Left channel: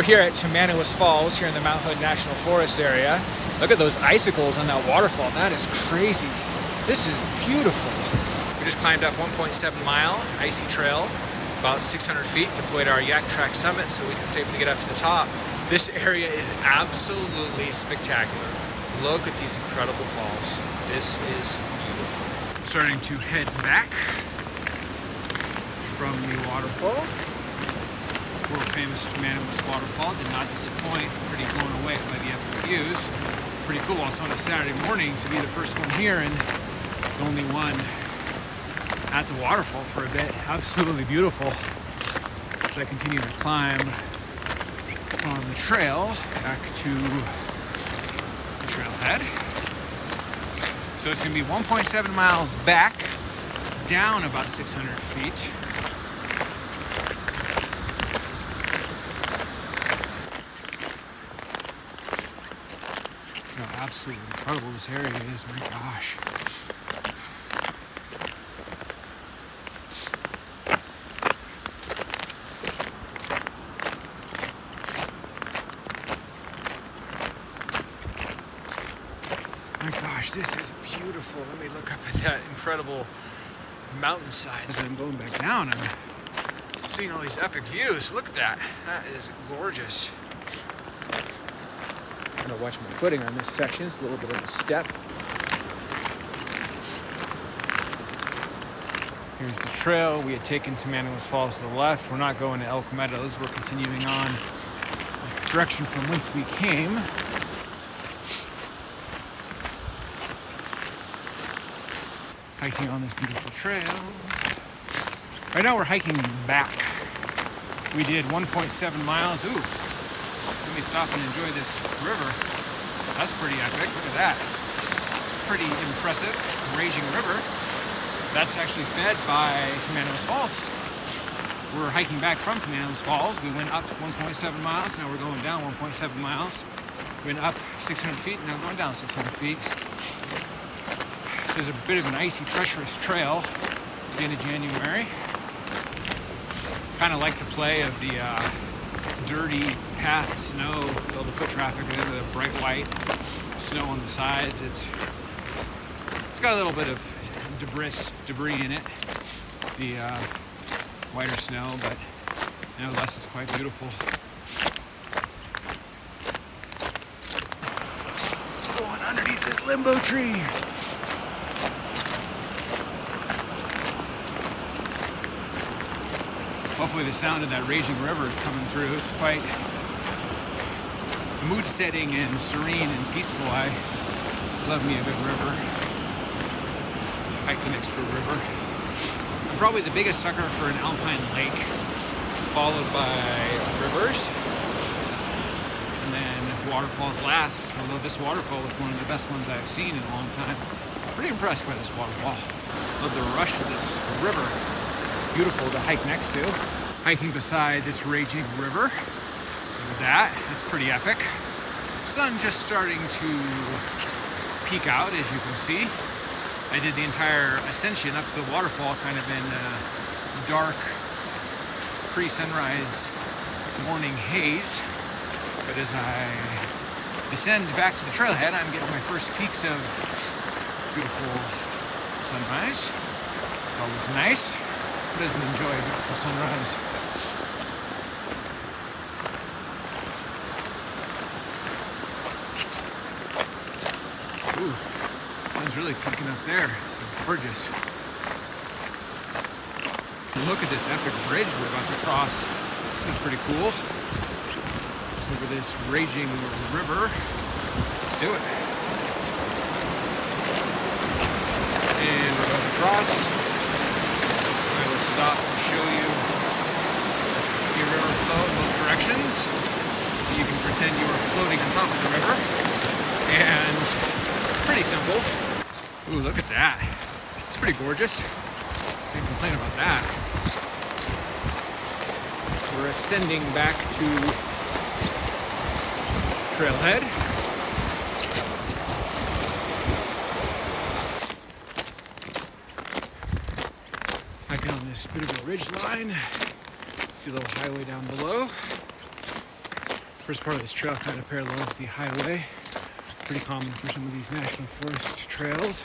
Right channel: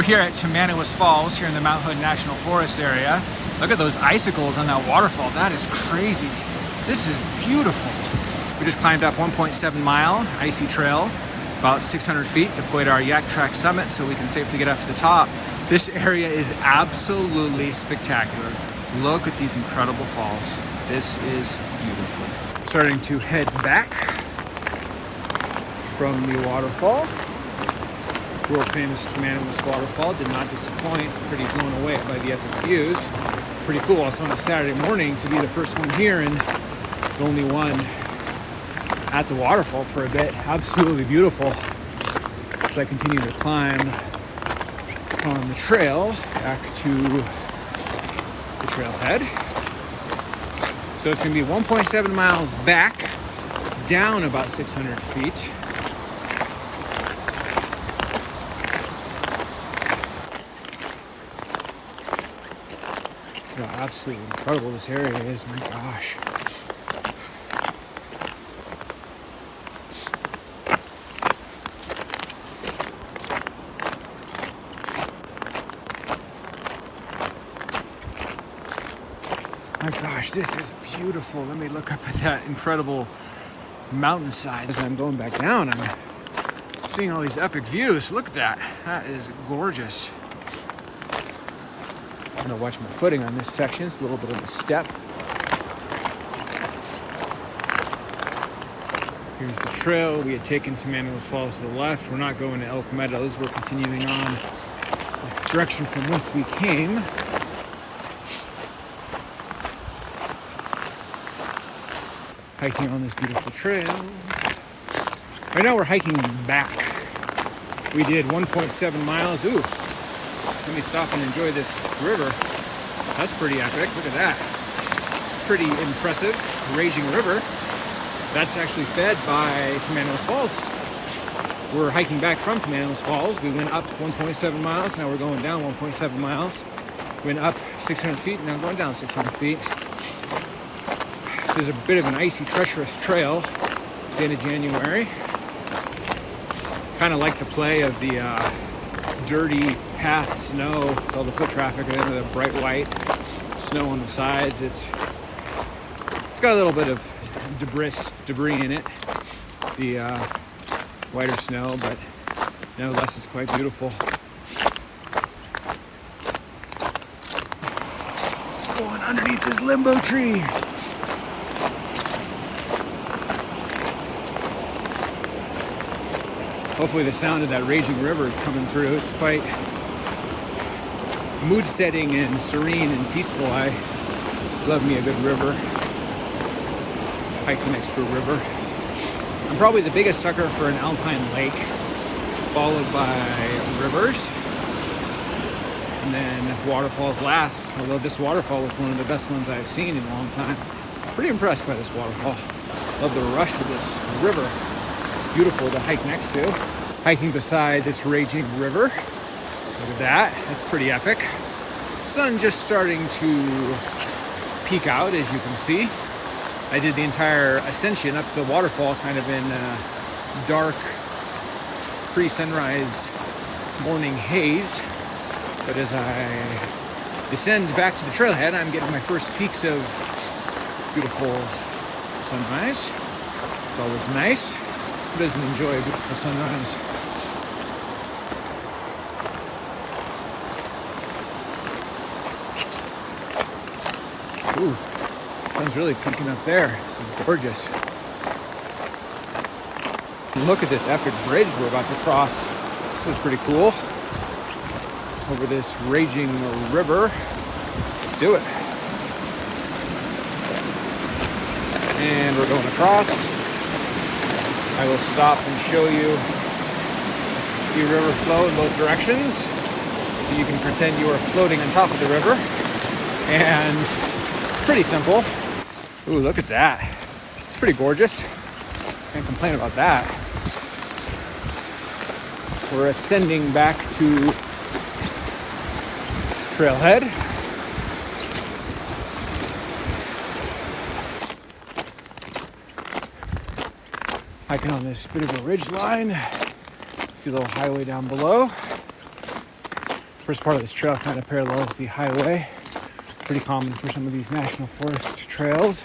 We're here at Tamanawas Falls, here in the Mount Hood National Forest area. Look at those icicles on that waterfall. That is crazy. This is beautiful. We just climbed up 1.7 mile icy trail, about 600 feet, to deploy our YakTrax Summit so we can safely get up to the top. This area is absolutely spectacular. Look at these incredible falls. This is beautiful. Starting to head back from the waterfall. World famous Tamanawas Waterfall did not disappoint. Pretty blown away by the epic views. Pretty cool also on a Saturday morning to be the first one here and the only one at the waterfall for a bit. Absolutely beautiful. As I continue to climb on the trail back to the trailhead. So it's going to be 1.7 miles back, down about 600 feet. How absolutely incredible this area is, my gosh. My gosh, this is beautiful. Let me look up at that incredible mountainside. As I'm going back down, I'm seeing all these epic views. Look at that. That is gorgeous. I'm gonna watch my footing on this section. It's a little bit of a step. Here's the trail. We had taken Tamanawas Falls to the left. We're not going to Elk Meadows. We're continuing on the direction from whence we came. Hiking on this beautiful trail. Right now we're hiking back. We did 1.7 miles. Ooh, let me stop and enjoy this river. That's pretty epic. Look at that. It's pretty impressive. Raging river. That's actually fed by Tamanawas Falls. We're hiking back from Tamanawas Falls. We went up 1.7 miles. Now we're going down 1.7 miles. We went up 600 feet. Now going down 600 feet. This is a bit of an icy, treacherous trail. It's the end of January. Kind of like the play of the dirty path snow with all the foot traffic and then the bright white snow on the sides. It's got a little bit of debris in it, the whiter snow, but nevertheless it's quite beautiful. Going underneath this limbo tree. Hopefully the sound of that raging river is coming through. It's quite mood setting and serene and peaceful. I love me a good river. Hiking next to a river. I'm probably the biggest sucker for an alpine lake, followed by rivers, and then waterfalls last. Although this waterfall was one of the best ones I've seen in a long time. Pretty impressed by this waterfall. Love the rush of this river. Beautiful to hike next to. Hiking beside this raging river. Look at that. That's pretty epic. Sun just starting to peek out, as you can see. I did the entire ascension up to the waterfall kind of in dark pre-sunrise morning haze. But as I descend back to the trailhead, I'm getting my first peaks of beautiful sunrise. It's always nice. Who doesn't enjoy a beautiful sunrise? Ooh, sun's really peeking up there. This is gorgeous. Look at this epic bridge we're about to cross. This is pretty cool. Over this raging river. Let's do it. And we're going across. I will stop and show you the river flow in both directions so you can pretend you are floating on top of the river. And pretty simple. Ooh, look at that. It's pretty gorgeous. Can't complain about that. We're ascending back to trailhead. Hiking on this bit of a ridge line. See a little highway down below. first part of this trail kind of parallels the highway. Pretty common for some of these national forest trails.